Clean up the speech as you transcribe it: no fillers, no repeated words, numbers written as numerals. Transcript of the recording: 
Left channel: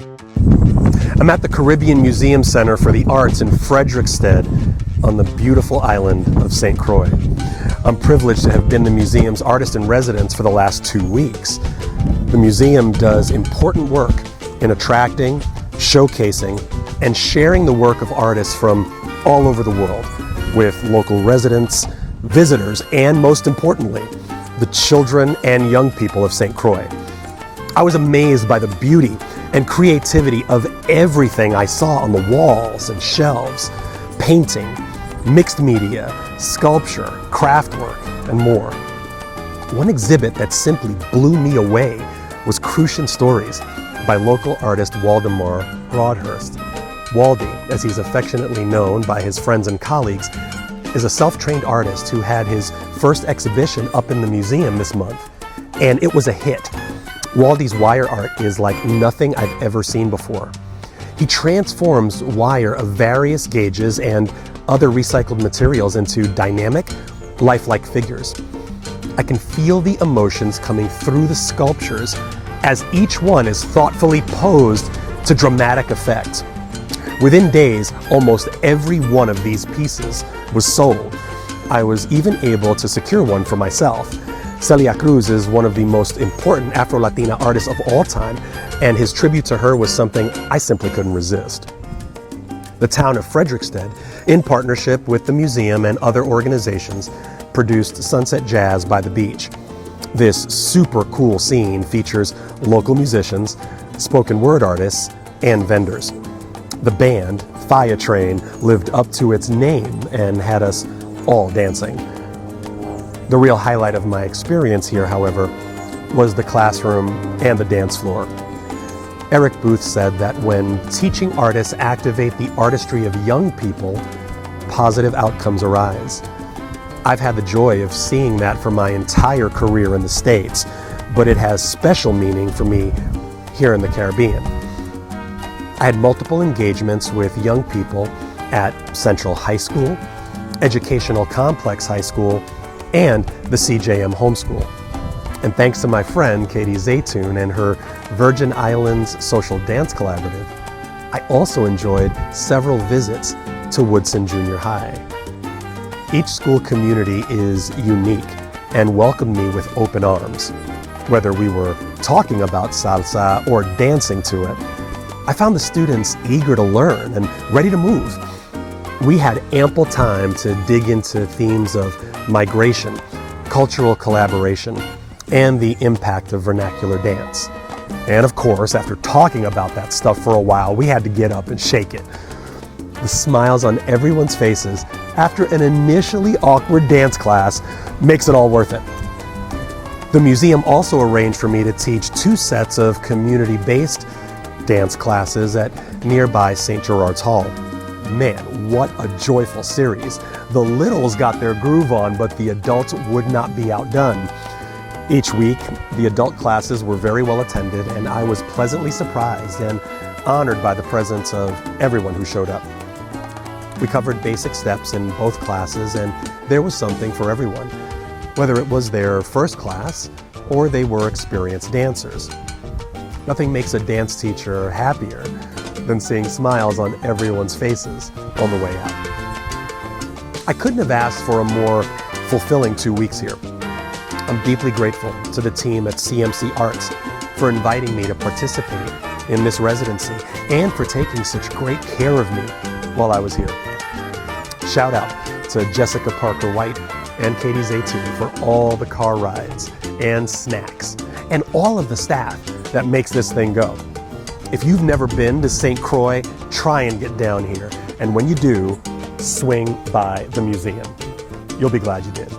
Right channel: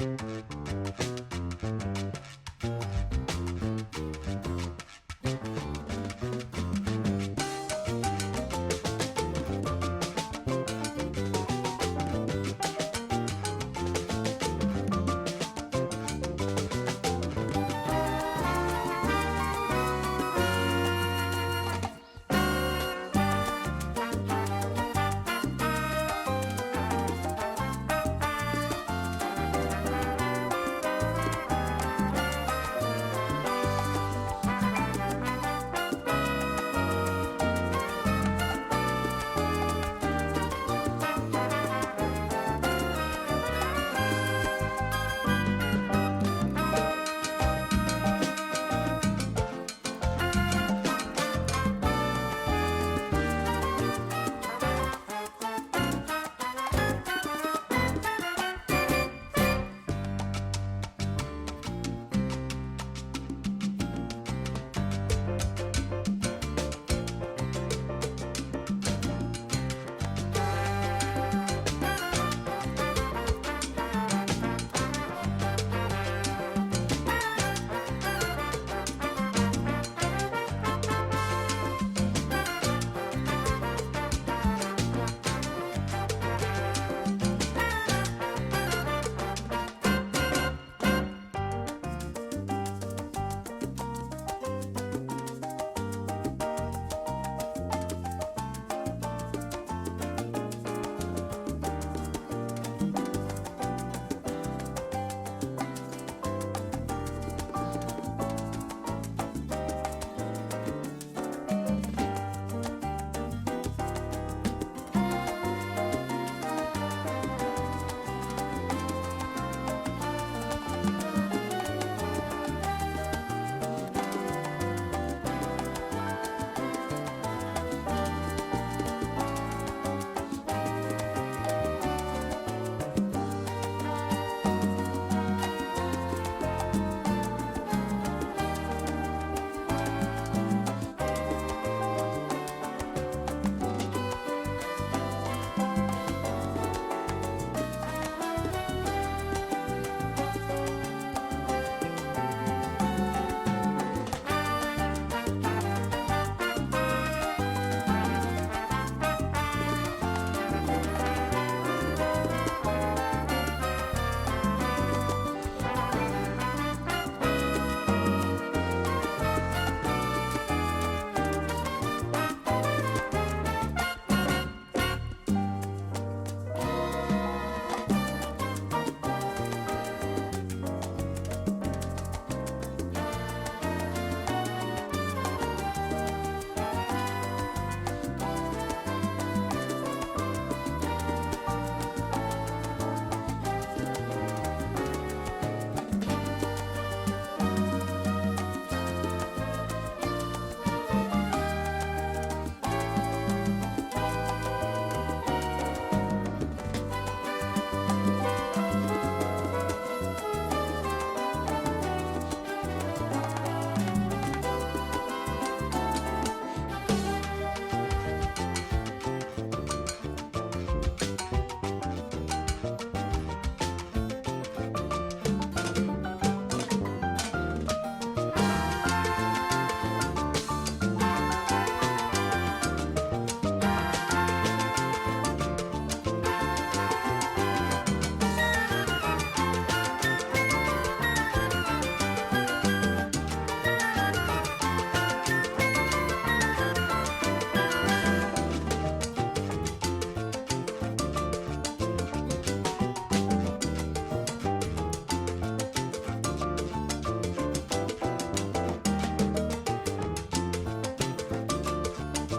I'm at the Caribbean Museum Center for the Arts in Frederiksted on the beautiful island of St. Croix. I'm privileged to have been the museum's artist in residence for the last 2 weeks. The museum does important work in attracting, showcasing, and sharing the work of artists from all over the world with local residents, visitors, and most importantly, the children and young people of St. Croix. I was amazed by the beauty and creativity of everything I saw on the walls and shelves: painting, mixed media, sculpture, craft work, and more. One exhibit that simply blew me away was Crucian Stories by local artist Waldemar Broadhurst. Waldy, as he's affectionately known by his friends and colleagues, is a self-trained artist who had his first exhibition up in the museum this month, and it was a hit. Waldy's wire art is like nothing I've ever seen before. He transforms wire of various gauges and other recycled materials into dynamic, lifelike figures. I can feel the emotions coming through the sculptures as each one is thoughtfully posed to dramatic effect. Within days, almost every one of these pieces was sold. I was even able to secure one for myself. Celia Cruz is one of the most important Afro-Latina artists of all time, and his tribute to her was something I simply couldn't resist. The town of Frederiksted, in partnership with the museum and other organizations, produced Sunset Jazz by the Beach. This super cool scene features local musicians, spoken word artists, and vendors. The band, Fire Train, lived up to its name and had us all dancing. The real highlight of my experience here, however, was the classroom and the dance floor. Eric Booth said that when teaching artists activate the artistry of young people, positive outcomes arise. I've had the joy of seeing that for my entire career in the States, but it has special meaning for me here in the Caribbean. I had multiple engagements with young people at Central High School, Educational Complex High School, and the CJM Homeschool. And thanks to my friend Katie Zaytoon and her Virgin Islands Social Dance Collaborative, I also enjoyed several visits to Woodson Junior High. Each school community is unique and welcomed me with open arms. Whether we were talking about salsa or dancing to it, I found the students eager to learn and ready to move. We had ample time to dig into themes of migration, cultural collaboration, and the impact of vernacular dance. And of course, after talking about that stuff for a while, we had to get up and shake it. The smiles on everyone's faces after an initially awkward dance class makes it all worth it. The museum also arranged for me to teach 2 sets of community-based dance classes at nearby St. Gerard's Hall. Man, what a joyful series. The littles got their groove on, but the adults would not be outdone. Each week, the adult classes were very well attended, and I was pleasantly surprised and honored by the presence of everyone who showed up. We covered basic steps in both classes, and there was something for everyone, whether it was their first class or they were experienced dancers. Nothing makes a dance teacher happier than seeing smiles on everyone's faces on the way out. I couldn't have asked for a more fulfilling 2 weeks here. I'm deeply grateful to the team at CMC Arts for inviting me to participate in this residency and for taking such great care of me while I was here. Shout out to Jessica Parker White and Katie Zaytoon for all the car rides and snacks and all of the staff that makes this thing go. If you've never been to St. Croix, try and get down here. And when you do, swing by the museum. You'll be glad you did.